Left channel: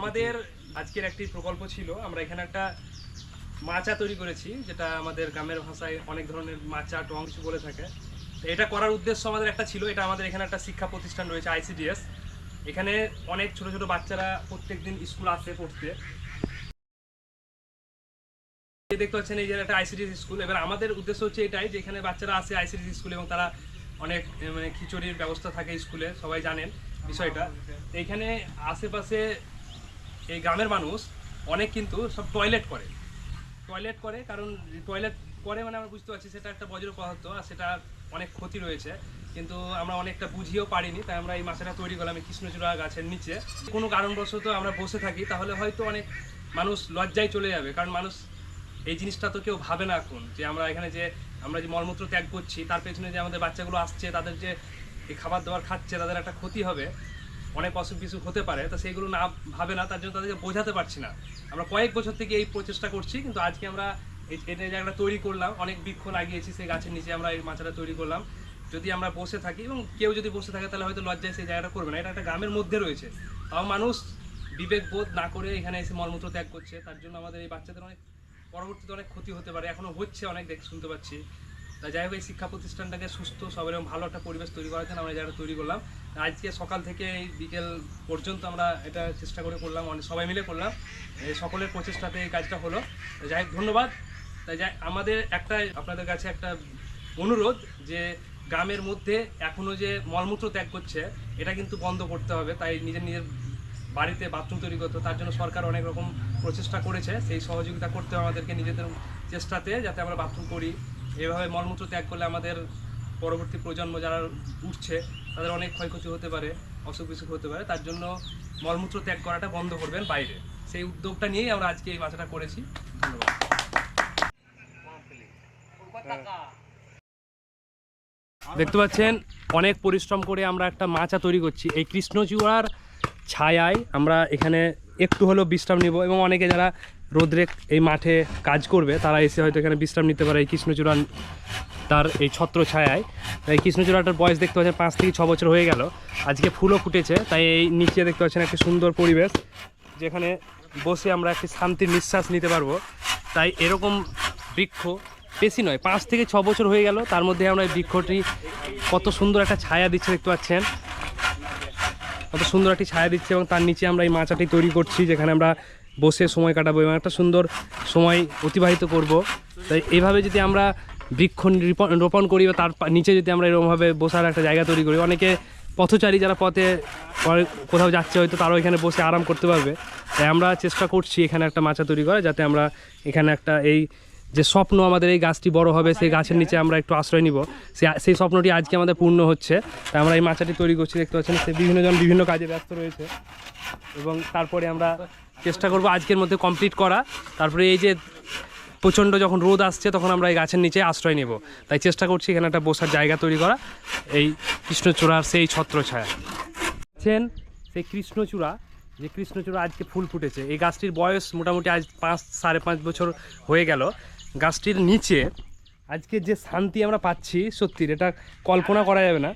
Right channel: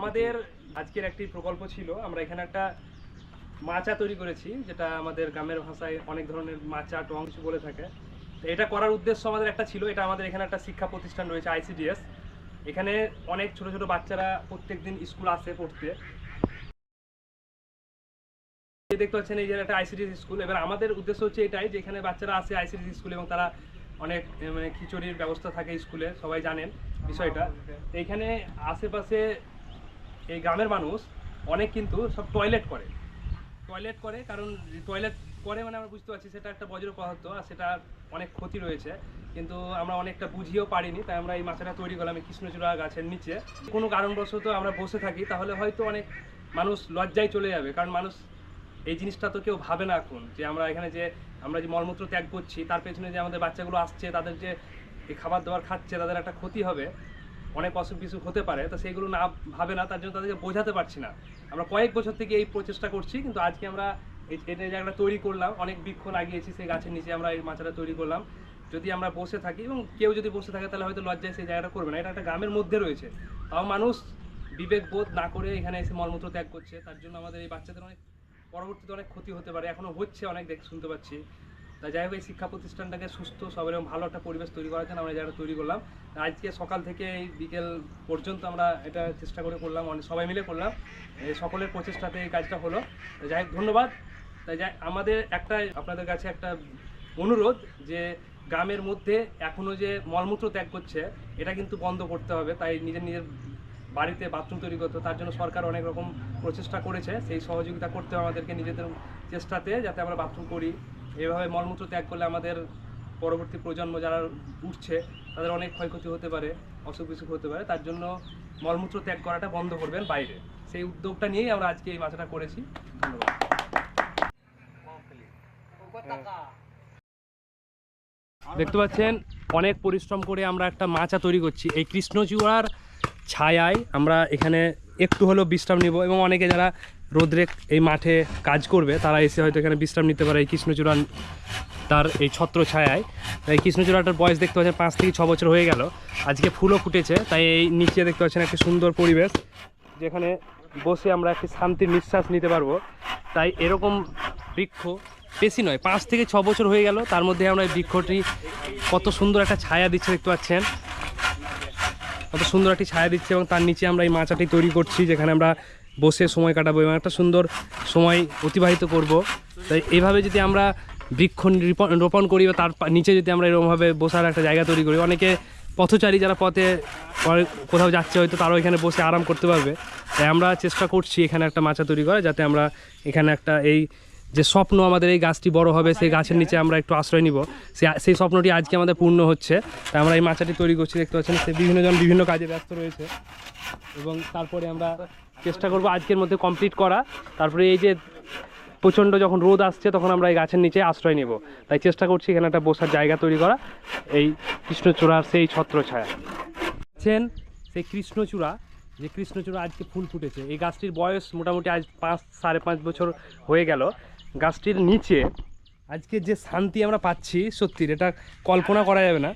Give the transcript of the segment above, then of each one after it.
আমাদের আজকের একটি প্রকল্প ছিল। আমরা এখানে একটা মাচা তৈরি করেছি, যেটা আমাদের গ্রামের ভাষায় অনেক ধরনের মাচা, টং কিছু বলে থাকে। এটা করার উদ্দেশ্য আমাদের একটা ছিল। এটা আমাদের এখানে একটা শিক্ষা প্রতিষ্ঠান রয়েছে আইসিডিএস এখানে অনেক ছোট ছোট বাচ্চারা প্রত্যেকদিন স্কুল আসে পড়তে। দেখতে পাচ্ছেন, এই যে একটা আইসিডিএস স্কুল। এবার আমাদের উদ্দেশ্য হচ্ছে এটাই যে এখানে বাচ্চারা আসে আইসিডিএস স্কুল এবং তারা অনেক মানে খিচুড়ির ব্যবস্থা থাকে স্কুলে, সবাই জানেন বিষয়টা। এখানে আশেপাশে এই গ্রামের মানুষ অনেক কিন্তু সব টয়লেট করে। টয়লেট করে কারণ টয়লেট করে মানে আমরা বুঝতে পারছি সেটা একটা বজ্র পদার্থ আর সেটা অনেক ক্ষতি রয়েছে। কিন্তু আমরা অনেকটা বুঝিয়েও পারিনি, তাই আমরা এই মাছটা তৈরি করলাম এই কৃষ্ণচূড়া গাছের নিচে। কোনো কারণবশত আমরা বসে থাকি, তাহলে হয়তো অনেক মানুষ লজ্জায় চলে যাবে, কারণ মানুষ এই জিনিসটা তো কেউ ভাবে না এখন যে আমরা এখানে যে আমরা যে মলমূত্র ত্যাগ করছি, তার পেছনে যে আমাদের বাচ্চাগুলো আসছে, তাদের যে খাবার দাবার খাচ্ছে, তাদের একটা ক্ষতি হবে। অনেক অসুখ বিসুখ হতে পারে, তো সেইগুলো না ভাবে না, তার জন্য তাদেরকে বোঝাতে পারছি না। আমরা কয়েক বছর থেকে এই প্রচেষ্টা করছি, কিন্তু আজকে আমরা এই- এটা একটা তৈরি করলাম, অনেক বৃক্ষ লাগিয়েছি সেই গাছের নিচে আমরা এই মাচাটা তৈরি করলাম। যদি আমরা বসে থাকি, এবং কেউ যদি বসে থাকে, তাহলে হয়তো লজ্জায় সেই জায়গাটা করবে না। এটা একটা গ্রামের মধ্যে রয়েছে। তাও মানুষ বিবেক বোধ না করে এখানে এসে মলমূত্র ত্যাগ করছে। তার জন্য আমাদের এই বাচ্চাদের অনেক পরবর্তীতে অনেক ক্ষতি হতে পারে। এখনও হচ্ছে অনেক দেখ, শুনতে পাচ্ছি। তা যাই হোক, এই শিক্ষা প্রতিষ্ঠানটাকে সুস্থ সব এরকম ভালো একটা পরিবেশ তৈরি করার জন্য আমরা যারা তৈরি করলাম। আজকে সকাল থেকে বিকেল পর্যন্ত আমরা এটা চেষ্টা করে করলাম, অনেক সবাই মিলে করলাম। সকলের প্রচেষ্টাতে এই কাজটা হলো। যাই হোক, ধন্যবাদ। তাই যাই, আমাদের একটা, আপনাদের কাছে একটা অনুরোধ যে গ্রামের মধ্যে এখনও যে মলমূত্র ত্যাগ করছে, এটা কিন্তু বন্ধ করতে হবে। তাই নিজের নিজের বাড়িতে বাথরুম তৈরি করতে। তার জন্য সরকার অনেক রকম প্রচেষ্টা করেছে। সেই সহযোগিতা করতে হবে আমাদেরকে নিজেদের চেষ্টাতে, যাতে আমরা বাথরুম করি। এভাবে মলমূত্র ত্যাগ করলে আমাদের পরবর্তী প্রজন্ম যারা উঠছে, তাদের অনেক ক্ষয়ক্ষতি হতে পারে, অসুখ বিসুখ হতে পারে। তার জন্য মলমূত্র ত্যাগ করাটা বন্ধ করবেন বাইরে। সেই উদ্যোগটা নিয়েই আমরা আজকে এই মাছটা করেছি। ধন্যবাদ। দেখতে পাচ্ছেন, অনেক পরিশ্রম করে আমরা একটা মাচা তৈরি করছি। এই কৃষ্ণচূড়ার ছায়ায় আমরা এখানে একটু হলেও বিশ্রাম নিব এবং অনেকে যারা রোদ্রে এই মাঠে কাজ করবে, তারা এসে হয়তো এখানে বিশ্রাম নিতে পারে এই কৃষ্ণচূড়া তার এই ছত্র ছায়ায় এই কৃষ্ণচূড়াটার বয়স দেখতে পাচ্ছেন পাঁচ থেকে ছ বছর হয়ে গেল। আজকে ফুলও ফুটেছে, তাই এই নিচে দেখতে পাচ্ছেন একটা সুন্দর পরিবেশ, যেখানে বসে আমরা একটি শান্তির নিঃশ্বাস নিতে পারব। তাই এরকম বৃক্ষ বেশি নয়, পাঁচ থেকে ছ বছর হয়ে গেল, তার মধ্যে আমরা এই বৃক্ষটি কত সুন্দর একটা ছায়া দিচ্ছে দেখতে পাচ্ছেন। কত সুন্দর একটি ছায়া দিচ্ছে এবং তার নিচে আমরা এই মাচাটি তৈরি করছি, যেখানে আমরা বসে সময় কাটাবো এবং একটা সুন্দর সময় অতিবাহিত করব। তাই এইভাবে যদি আমরা বৃক্ষ রোপণ- করি বা তার নিচে যদি আমরা এরকমভাবে বসার একটা জায়গা তৈরি করি, অনেকে পথচারী যারা পথে কোথাও যাচ্ছে হয়তো তারাও এখানে বসে আরাম করতে পারবে। তাই আমরা চেষ্টা করছি এখানে একটা মাচা তৈরি করা যাতে আমরা এখানে একটা এই যে স্বপ্ন আমাদের এই গাছটি বড় হবে, সেই গাছের নিচে আমরা একটু আশ্রয় নিব। সেই স্বপ্নটি আজকে আমাদের পূর্ণ হচ্ছে। তাই আমরা এই মাচাটি তৈরি করছি, দেখতে পাচ্ছেন, সে বিভিন্নজন বিভিন্ন কাজে ব্যস্ত রয়েছে। এবং তারপরে আমরা চেষ্টা করব আজকের মধ্যে কমপ্লিট করা। তারপরে এই যে প্রচণ্ড যখন রোদ আসছে, তখন আমরা এই গাছের নিচে আশ্রয় নেব। তাই চেষ্টা করছি এখানে একটা বসার জায়গা তৈরি করা। এই কৃষ্ণচূড়ার সেই ছত্রছায়া দেখছেন? সেই কৃষ্ণচূড়া, যে কৃষ্ণচূড়া আজকে ফুল ফুটেছে। এই গাছটির বয়স মোটামুটি আজ পাঁচ, সাড়ে পাঁচ বছর হয়ে গেল। গাছটির নিচে আজকে যে শান্তি আমরা পাচ্ছি সত্যি এটা কল্পনা করা যাবে না।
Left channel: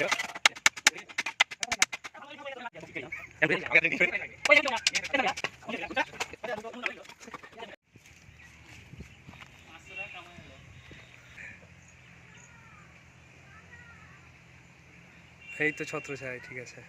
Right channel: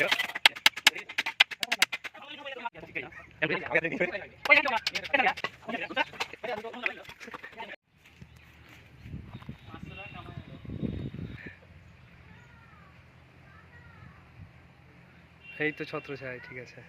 Yep. এই তো ছত্রছায়া ঠিক আছে।